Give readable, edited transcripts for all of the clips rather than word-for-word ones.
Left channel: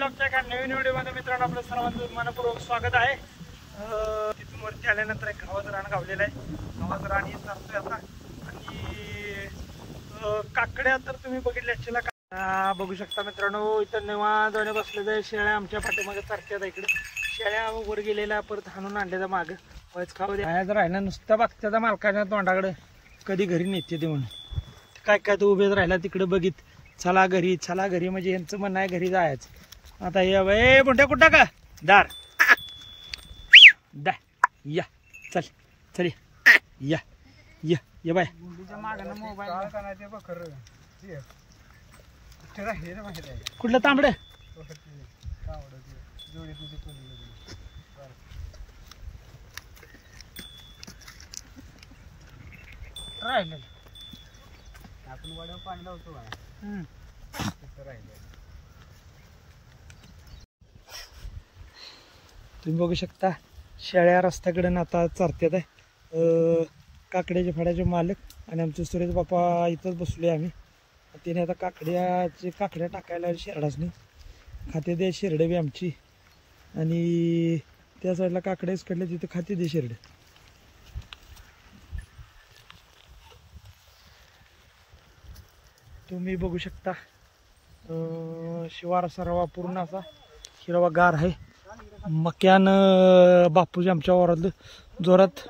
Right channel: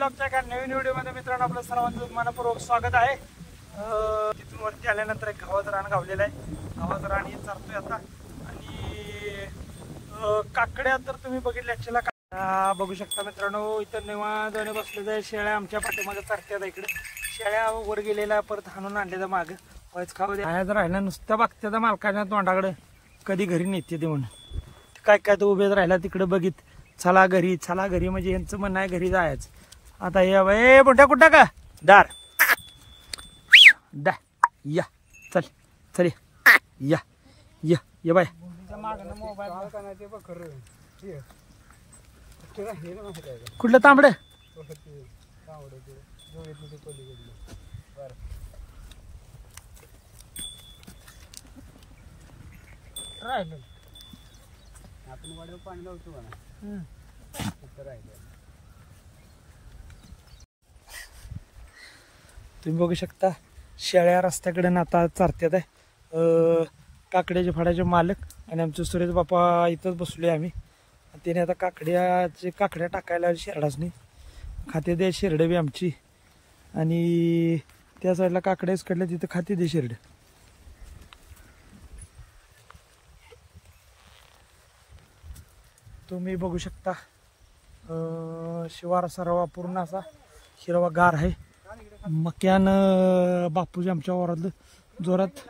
व्लॉगच्या एका नवीन व्हिडिओमध्ये मित्रांनो आपलं सर्वांचं मनपूर्वक स्वागत आहे। तिथून वरती आल्यानंतर एक गव्हाचं रान गावलेलं आहे। गव्हाचं रान हे चारतोय आता आणि काकड्या तर तुम्ही बघितल्या बघू शकता मित्रांनो। इथं निवांतपणे बसलेलं आहे। शेळ्या आमच्या पाठीमागे चारत्यात इकडे। शेळ्या वर गेलेल्या परत हाणून आणलेल्या मागं व्हायच खाऊ दे जर राहिला नुसतं बघत्या मालकाच्या तोंडाकडे कधी घरी नेते ते म्हणून काय काय तो उभेच राहिला तिकडे बघित चला घरी म्हणजे यांचं म्हणणं आहे घरी जायचं। आता ये बुंट्या कुठं का दार दा या चल चल या या ये बाय कुठलं तांबड राहिलं आपण वाड्यावर पाणी लावतो तुम्ही बघू शकता शेळ्या रस्त्याकडे आता चारत्यात आहे। काकड्याचे फळाचे मालक आणि आमचे सुरेश बापा इथंच बसलोय आम्ही। त्याने आता काकड्या टाकायला शेरडाच नाही खाते दे शेरडे बी आमची आणि त्या साईडला काकड्याच कडल्या तिथं खाते दे शेरड। तुम्ही बघू शकता शिवार सर्व पूर्ण असा हिरवागार आहे। मक्यान बापूजी आमच्या वावरातलं जोरात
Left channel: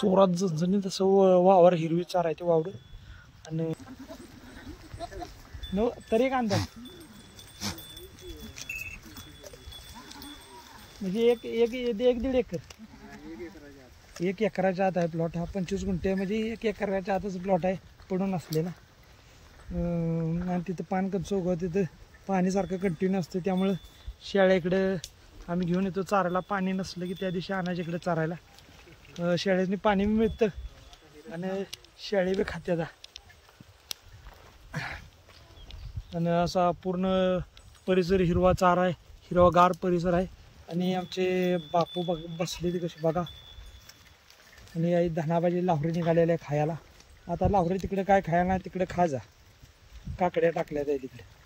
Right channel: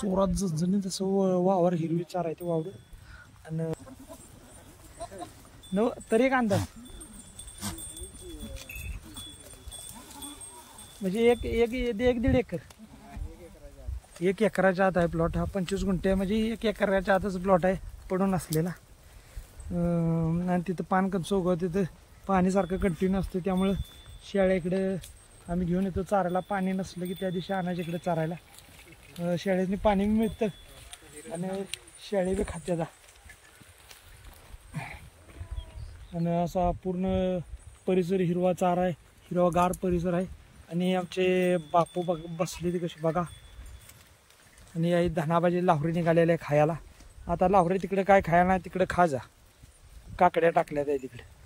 चोरात जणजणी तसं वावर हिरवी चार आहे ते वावर आणि तरी एक अंदाज म्हणजे एक 1.5 एकर 1 एकराच्या आत आहे प्लॉट हा। 25 गुंठे म्हणजे 1 एकराच्या आतच प्लॉट आहे पडून असलेला आणि तिथं पान कमसं उगवत तिथं पाणी सारखं कंटिन्यू असतं त्यामुळं शेळ्या इकडे आम्ही घेऊन येतो चारायला। पाणी नसलं की त्या दिवशी आणायच्या इकडे चारायला। शेळ्यानी पाणी मिळतं आणि शेळी बी खात्याचा आणि असा पूर्ण परिसर हिरवा चारा आहे हिरवागार परिसर आहे। आणि आमचे बापू बसले ते कसे बघा आणि आई धनाबाजी लाहोरी निघालेल्या आहे खायला। आता लाहोरी तिकडे काय खायला नाही तिकडे खा जा काकड्या टाकल्या त्या तिकडे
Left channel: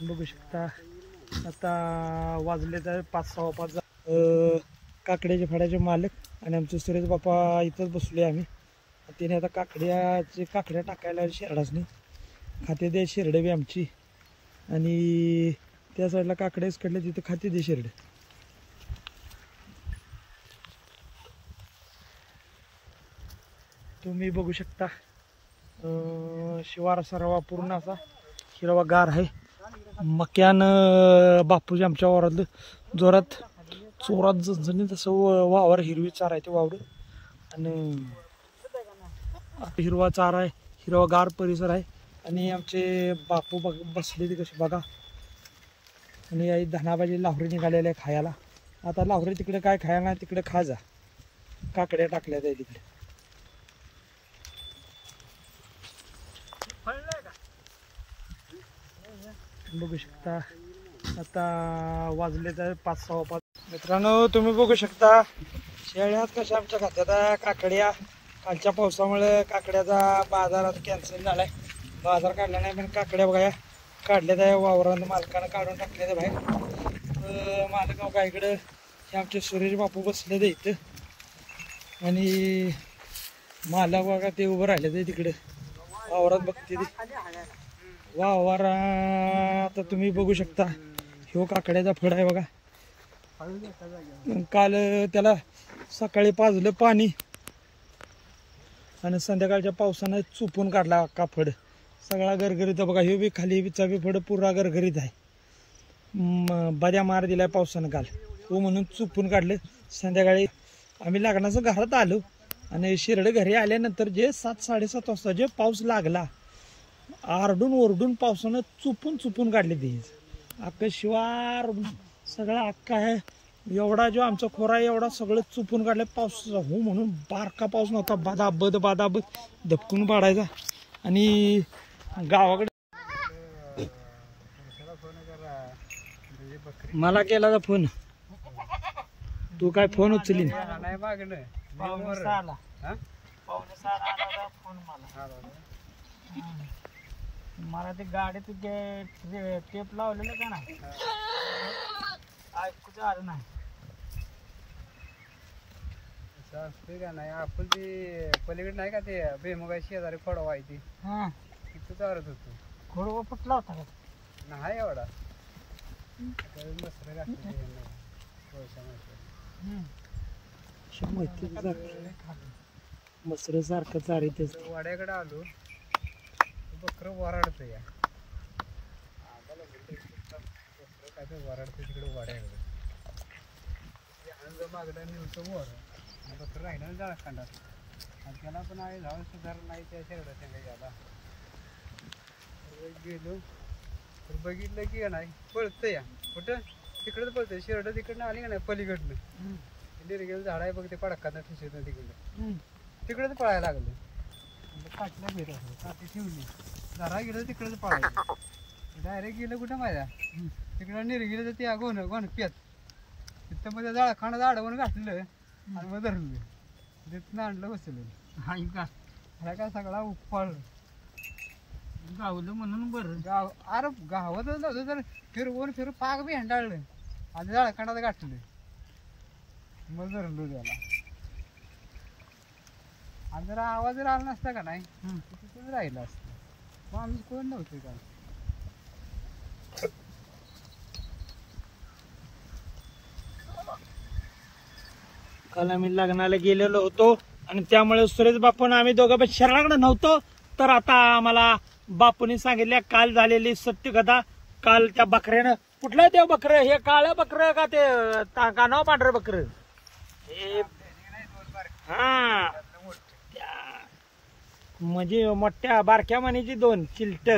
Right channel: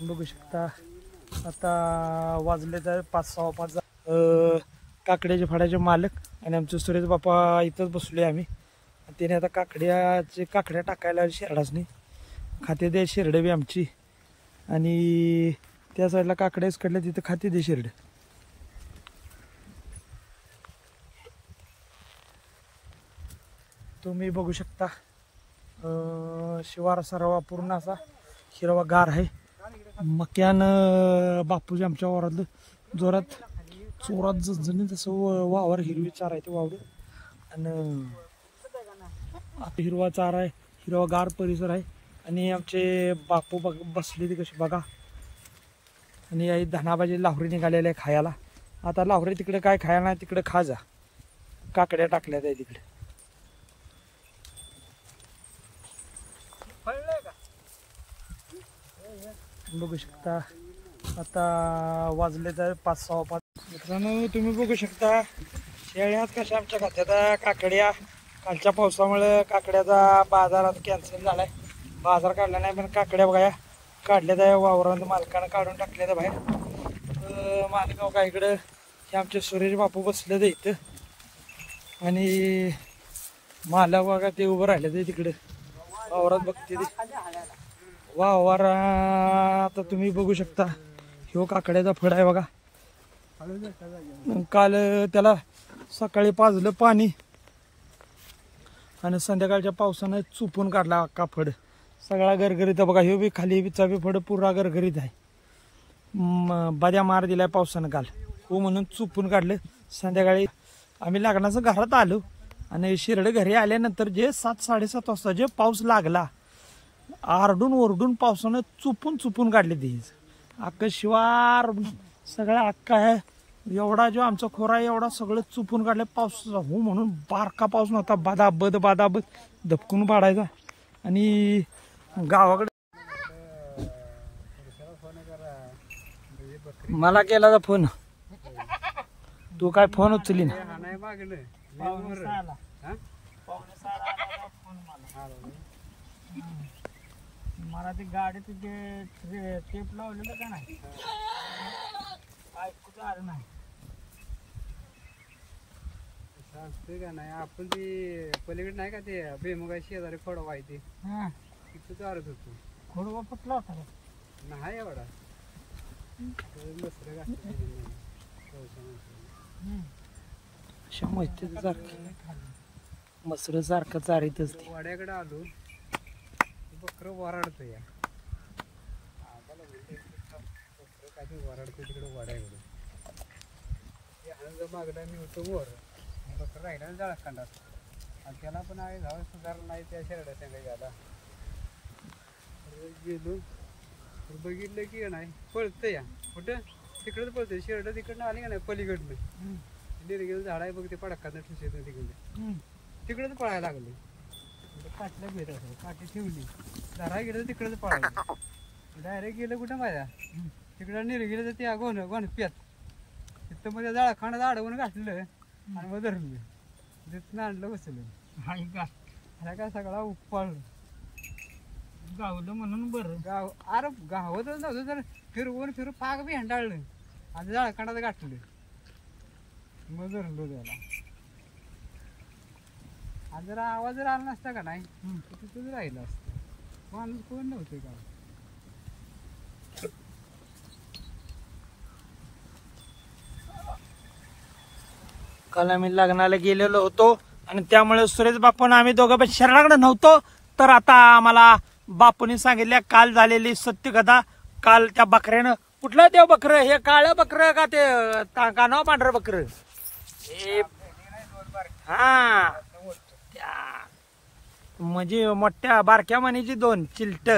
बघू शकता। आता वाजले तर 5-6:15 काकड्याचे फळाचे मालक आणि आमचे सुरेश बापा इथंच बसलोय आम्ही। त्याने आता काकड्या टाकायला शेरडाच नाही खाते दे शेरडे बी आमची आणि त्या साईडला काकड्याच कडल्या तिथं खाते दे शेरड। तुम्ही बघू शकता शिवार सर्व पूर्ण असा हिरवागार आहे। मक्यान बापूजी आमच्या वावरातलं जोरात चोरात जणजणी तसं वावर हिरवी चार आहे ते वावर आणि हिरवा चारा आहे हिरवागार परिसर आहे। आणि आमचे बापू बसले ते कसे बघा आणि आई धनाबाजी लाहोरी निघालेल्या आहे खायला। आता लाहोरी तिकडे काय खायला नाही तिकडे खा जा काकड्या टाकल्या त्या तिकडे बघू शकता। आता वाजले तर 5-6:15 मित्रांनो तुम्ही बघू शकता शेळ्यात कशा आमच्या खात्यात काकड्या कालच्या पावसामुळे काकड्याचा बाजारात कॅन्सल झालाय। बाजार काढला नाही पण काकड्या बघा काढल्या त्या वावरात मालकानं काढून टाकल्या त्या बाहेर। मालक बघा इकडं हे आमचे सुरेश बापू बसले ते इथं आणि मालक बघा ते उभं राहिले ते तिकडे वावरात बघते ते वावर। आता तुम्ही बघू शकता ह्यो काकड्याचा फळ आहे बघा। काल त्याला सकाळी पाजलं पाणी आणि संध्याकाळच्या पावसानं चुपून काढला अख्खा फड सगळा गरगरीत बघा। ह्यो बी खाली बिचा बी फड पुरा गरगरीत आहे। बऱ्या मार दिलाय पावसानं काल हो म्हणून चुपून काढलं। संध्याकाळी आम्ही लग्नाचं घरात आलो आणि शिरड घरी आल्यानंतर जे 7-7:30 वाजता जे पाऊस लागला आरडून ओरडून पावसानं चुपून काढले ते अख्खं शिवार सगळं अख्खा आहे। एवढा जो आमचा खोरा आहे एवढा सगळं चुपून काढलं पावसाचा हो म्हणून बारका पाऊस नव्हता बादाबद धपकून पाडायचा। आणि गावाकडे मला केला होता फोन तू काय फोन उचलली नाही नाही मागलं पाहुणे 6 आला फोन मला मला ते गाडीत टेप लावलेलं का नाही ऐकूच आलं नाही. असते का नाही आपण ती पलीकडे नाही का ते बेमुगा शेजारी खोडवा आहे ती तिथं चालत होतो. खोडवा फुटला होता का? नाही एवढा मसर सारखं चारीतच वाड्याकडे आलो बकर वराडत या काय वराडतो तिकडे वाड्याकडे मागड्या निवतो मोर बकर राहिला जाळा खंडात आणि त्याला पण आहे धाव सुधारण नाही त्या शेरडाच्या काही आता गेलो तर बघितलं की नाही पळतं या कुठं तिकडंच पळतंय शेरड तिकडनं आली का नाही पलीकडनं निर्गेल झाड आहे बघ ते पडकात ठुसेत तिकडे तिकडेच पळायला लागले. काटल्या भेट असेल काठी ठेवली झाडा गेलं तिकडेच पळायला डायरेक्ट गेलं कुठं माझ्या तिकडं निर्गेलं तर ते गोन गोन पेत तिथं मध्ये झाड खाणं झाडवून घातलं आणि मग धरलं तिथनं आणलं बसलं हाय का ह्या काय सगळा उपाळलं गावलं म्हणून बरं. गाव अरे गावातच नव्हतं तर फिरवून पाक बी हंडाळलं आणि झाडखांडात गाठलं मग धरलो त्याला. आणि जरा आवाज जर आला नसता का नाही तिथंच राहिला असतं माणूस कोण नव्हतं काल. काल आम्ही लग्नाला गेलेलो होतो आणि त्यामुळे सुरेश बापून आम्ही दोघं पण शरणाकडे नव्हतो. तर आता आम्हाला बापूंनी सांगितल्या काल झालेली सत्य कथा. काल त्या बकऱ्यानं कुठलं ते बकरं हे काळं बकरं का ते कानाव पांढरं बकरं हा म्हणजे मोठ्या बारक्या मानेची 2 चिलट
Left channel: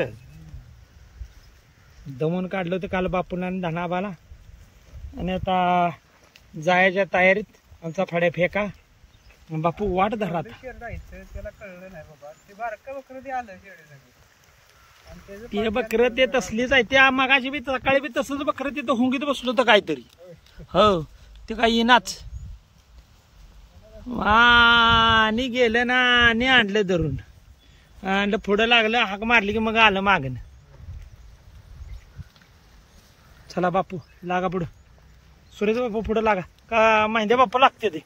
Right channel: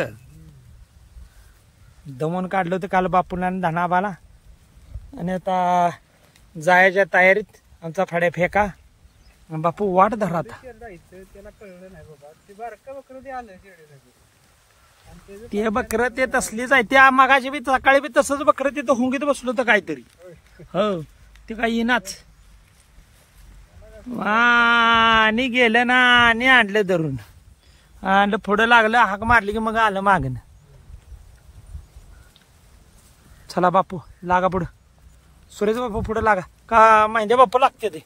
दमून काढलं होतं काल बापूला आणि धनाबाला. आणि आता जायच्या तयारीत आमचा फड्या फेका बापू वाट धरा. त्याला कळलं नाही बाबा ते बारकं बकरं ते आलं शेडीसाठी ते बकरं ते तसलीच आहे. त्या मागाशी बी सकाळी बी तसंच बकरं तिथं हुंगीत बसलो होतं काहीतरी. हो ते काही येईनाच आणि गेलं ना आणि आणलं धरून आणि पुढं लागलं हाक मारली की मग आलं मागणं. चला बापू लागा पुढं. सुरेश बापू पुढं लागा का महिंदे बापू लागते ते.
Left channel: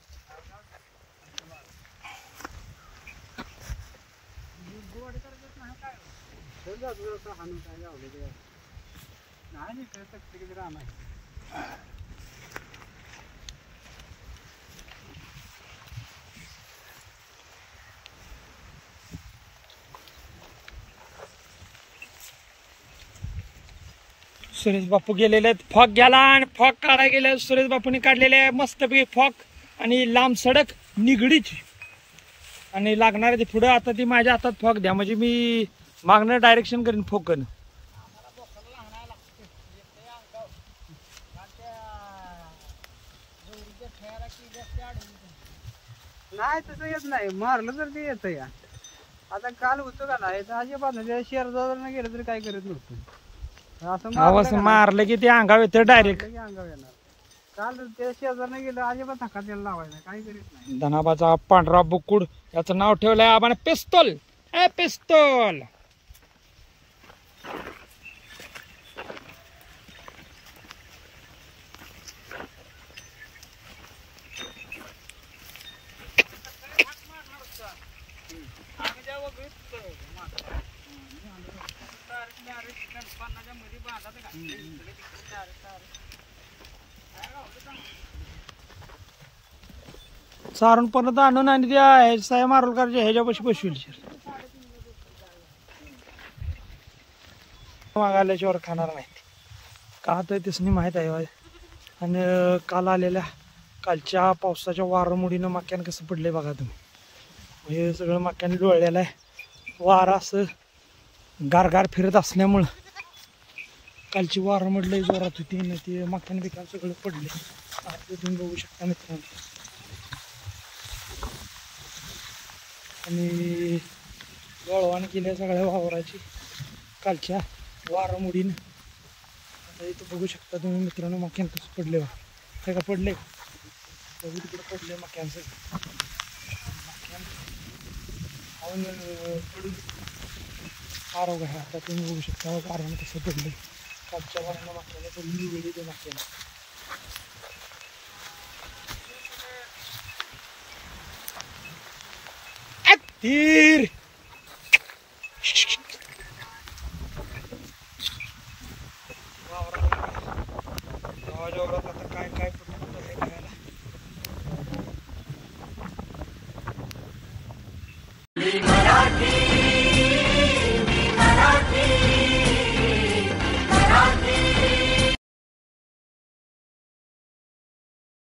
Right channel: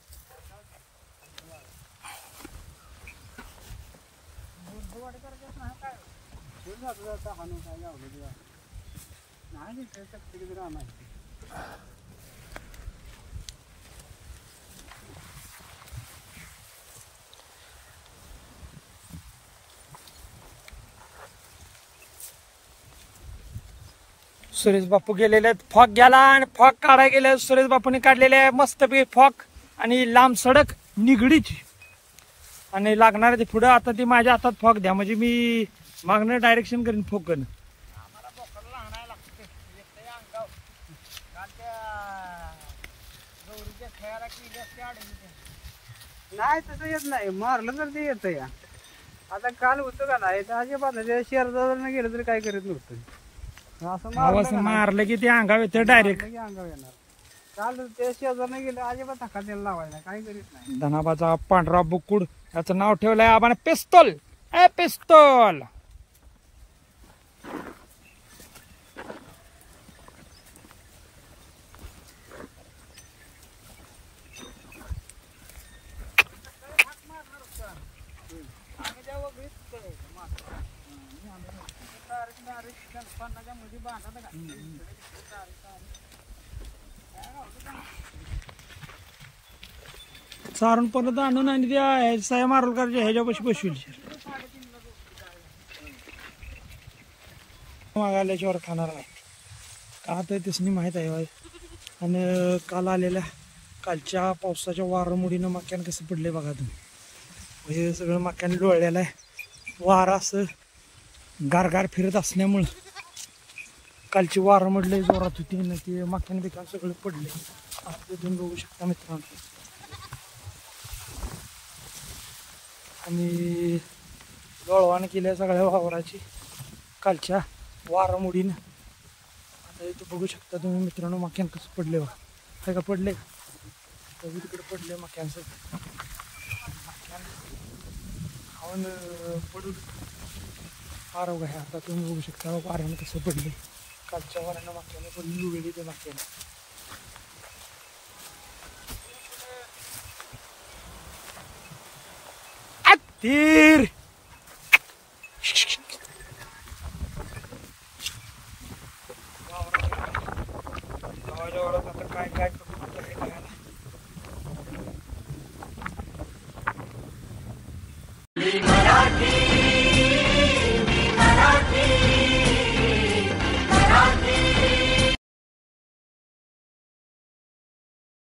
सुरेश बापू गेलेले फॉक गेला आणि फॉक काढायला गेले. सुरेश बापूने काढलेले मस्तपैकी फॉक आणि लांब सडक निगडीत आणि लागणार ते पुढं. आता ती माझ्या हातात फॉक द्या म्हणजे मी मागणं डायरेक्शन करीन फोकन. नाही तसं येत नाही मारलं तर ते येतं या. आता काल होतं का नाही अजिबात शेरदावर गेलं तरी काय करत नव्हतं आवाज मारलं की ते अंगाव येतं डायरेक्ट. काल ते शेजारनं गेलं अजिबात धक्का त्याला लावायला काय करीत नाही. धनाबाचा पांढरा बुकुड याचं नाव ठेवलंय आबाने पिस्तोल. ए पिस्तोल सारून परत आणून आणि त्या साया मारोलकरच्या ह्याच्यापाशी बसविली मागाल्याच्यावर खाणार नाही का तर त्यासनी माहित आहे. आणि काल आलेल्या कालच्या पावसाच्या वारामुळीनं मक्यान कसं पडले बघा तुम्ही. म्हणजे सगळं मक्याने लोळलेलं आहे. वारा असं गारगार फिरत असल्यामुळं कालची वारामुळे जोरात होती ना ते मक्याने बिकान सगळं पडले. आता तुम्ही बघू शकता मित्रांनो. आणि गळवान केल्या सगळ्या वावराची कालच्या वारामुळीनं. आता इथं बघू शकता तुम्ही मित्रांनो मक्यान कसं पडले. काय का पडले तिकडे पडले मक्यान सगळं. मक्यान धावून पडून फार अवघड आहे. आता तुम्ही बघू शकता वाऱ्यानं कसं पडले. कालच्या वाऱ्यानं मागल्याने पडली वेळी ते मागल्यानं. तीर गावाच्या वरात आता काय काय पडलं आहे खायला.